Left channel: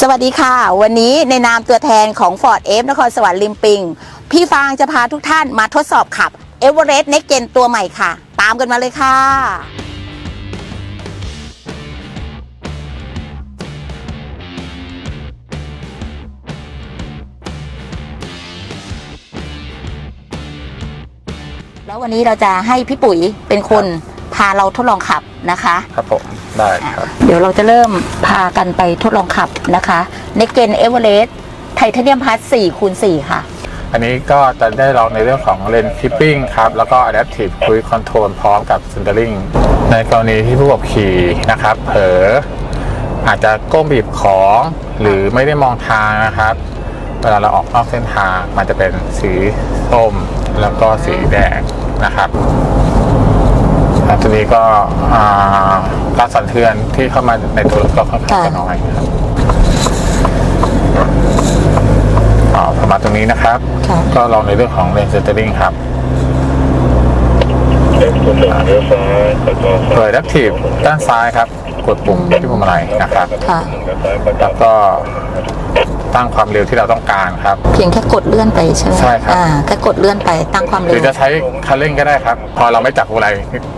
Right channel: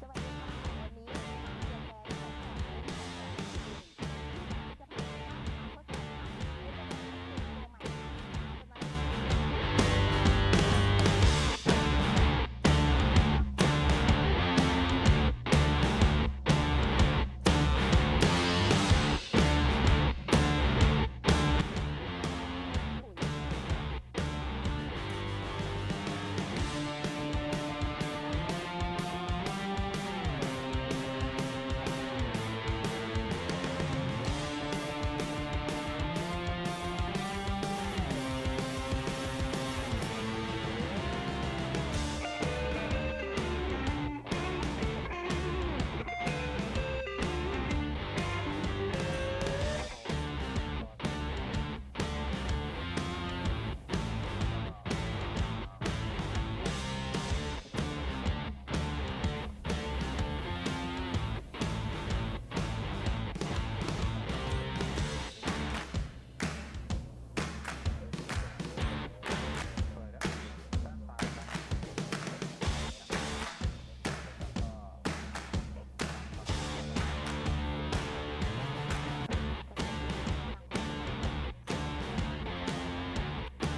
สวัสดีค่ะ วันนี้ในนามตัวแทนของ Ford F นครสวรรค์ลิมปิง พี่ฟางจะพาทุกท่านมาทดสอบขับ e v e r e s t Next Gen ตัวใหม่ค่ะ ตามกันมาเลยค่ะ แล้ววันนี้เราจะให้พี่ปุ๋ยเป็นคนพาเราทดลองขับนะคะ ครับผม ได้ครับเดี๋ยวเราจะเริ่มพากันไปทดลองขับนะคะในเกนเอเวอเรสต์ไทเทเนียมพาร์4คูณ4ค่ะ อันนี้ก็จะได้ลองในเรื่องของเลนคิปปิ้งครับ แล้วก็ Adaptive Cruise Control พร้อมกับ Centering ในกรณีที่ผู้ขับขี่นะครับ เผลออาจจะก้มบีบของหรือไม่ได้มองทางนะครับ เวลาเราออกนอกเส้นทางมันจะเป็นสีส้มแล้วก็สีแดงนะครับ ครับทีนี้ก็อ่าการสั่นเทือนที่เข้ามาในตัวรถก็ค่อนข้างจะน้อยครับอ๋อประมาณตรงนี้นะครับค่ะก็ลองในเรื่องของเลนส์เซนเตอร์ลิงครับเปิด Active ด้านซ้ายครับ กดปุ่มที่ปุ่มอะไรนะครับค่ะแล้วก็ ตั้งความเร็วที่เราต้องการครับ เพียงแค่กดเลื่อนไปใช่ไหมใช่ครับ อ่าแค่กดเลื่อนไปตั้งความหเร็รือวจะใช้คันเร่งก็ได้ครับ พอเราไม่จับอะไร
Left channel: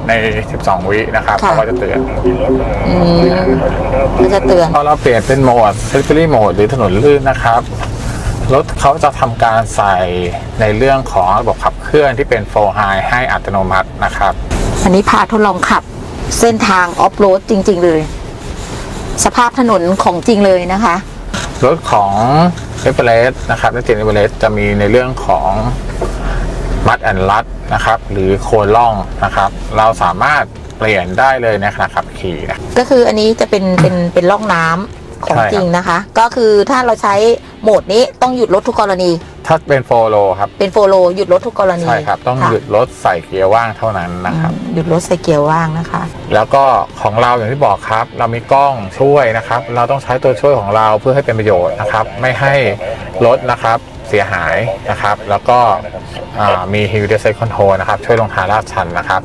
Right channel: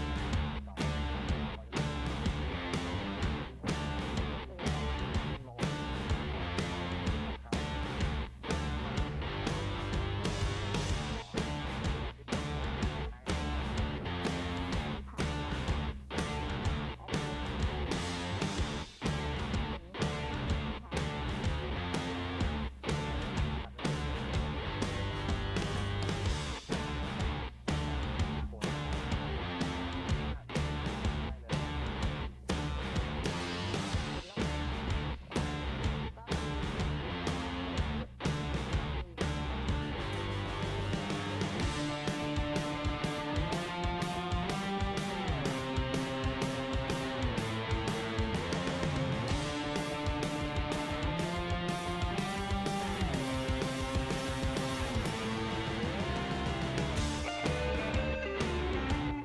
ใน 12 วินะครับค่ะ เขาก็จะเตือนอืมก็จะเตือน พอเราเปลี่ยนเป็นโหมด s ซ l ิ r y โหมดหรือถนนลื่นนะครับรถเขาจะทำการใส่ในเรื่องของระบบขับเคลื่อนที่เป็น4 high ให้อัตโนมัตินะครับ อันนี้พาทดลองขับเส้นทางออฟโรดจริง ๆ เลย สภาพถนนของจริงเลยนะคะ รถของเอเวอเรสต์นะครับและเจนเอเวอเรสต์จะมีในเรื่องของมัดแอนลัดนะครับ หรือโคนล่องนะครับ เราสามารถเปลี่ยนได้เลยในขณะขับขี่นะก็คืออันนี้จะเป็นเป็นเป็นล่องน้ำ ของใช่ครับ จริงนะคะ ก็คือถ้าเราใช้โหมดนี้ต้องหยุดรถทุกกรณี ถ้าเป็นโฟโลครับเป็นโฟโลหยุดรถทุกกรณีใช่ครับ ต้องค่ะหยุดรถใส่เกียร์ว่างเท่านั้นนะครับ อืมหยุดรถใส่เกียร์ว่างนะคะ แล้วก็ของเราอย่างที่บอกครับ เรามีกล้องช่วยนะครับ เราต้องใช้ตัวช่วยของเราเพื่อให้เป็นประโยชน์นะครับ ไม่ให้รถนะครับเสียหายนะครับ แล้วก็อ่ามี Hill Descent Control นะครับ ช่วยลงทางลาดชันนะครับ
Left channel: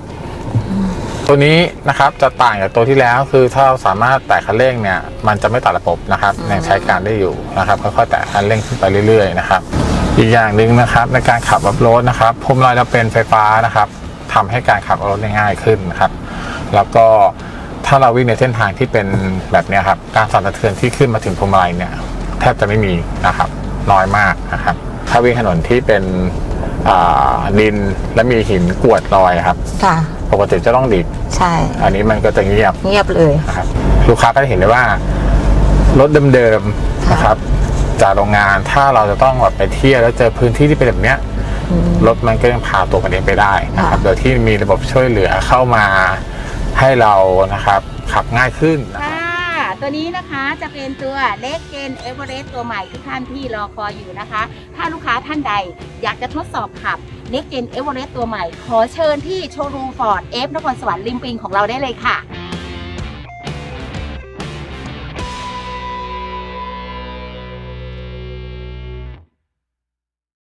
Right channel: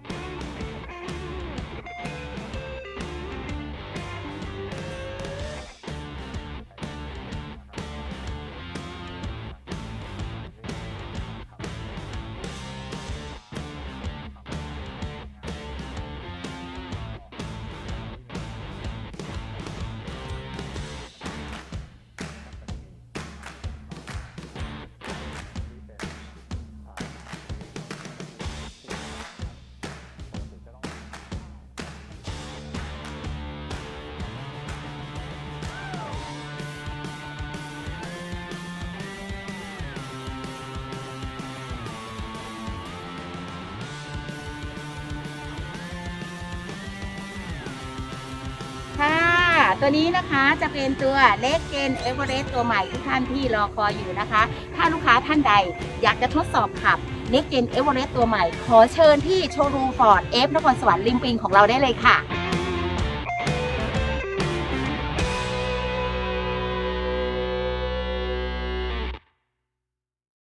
ตัวนี้นะครับจะต่างจากตัวที่แล้วคือถ้าเราสามารถแตะคันเร่งเนี่ยมันจะไม่ตัดระบบนะครับยังใช้การได้อยู่นะครับค่อยๆแตะคันเร่งขึ้นไปเรื่อยๆนะครับอีกอย่างหนึ่งนะครับในการขับอัพโรดนะครับพวงมลัยเราเป็นไฟฟ้านะครับทำให้การขับรถง่ายขึ้นนะครับ แล้วก็ถ้าเราวิ่งในเส้นทางที่เป็นแบบเนี้ยครับ การสั่นสะเทือนที่ขึ้นมาถึงพวงมาลัยเนี่ยแทบจะไม่มีนะครับ น้อยมากนะครับ ถ้าวิ่งถนนที่เป็นดินและมีหินกวดรอยครับค่ะ ปกติจะต้องดิบใช่ อันนี้มันก็จะเงียบเงียบเลยนะครับลูกค้าก็จะเห็นเลยว่ารถเดิมๆนะครับ จากโรงงานถ้าเราจะต้องแบบไปเที่ยวแล้วเจอพื้นที่ที่เป็นแบบเนี้ยอืมรถมันก็ยังพาตัวมันเองไปได้นะครับค่ะโดยที่มีระบบช่วยเหลือเข้ามาให้เรานะครับขับง่ายขึ้นค่ะตัวนี้นะคะจะเป็นตัวเล็กเกนเอเวอเรสต์ตัวใหม่ทุกท่านที่รอคอยอยู่นะคะ ถ้าลูกค้าท่านใดอยากจะทดสอบขับ นิกเกนเอเวอเรสต์ตัวใหม่ ขอเชิญที่โชว์รูมฟอร์ดเอฟนครสวรรค์ริมปิงของเราได้เลยค่ะ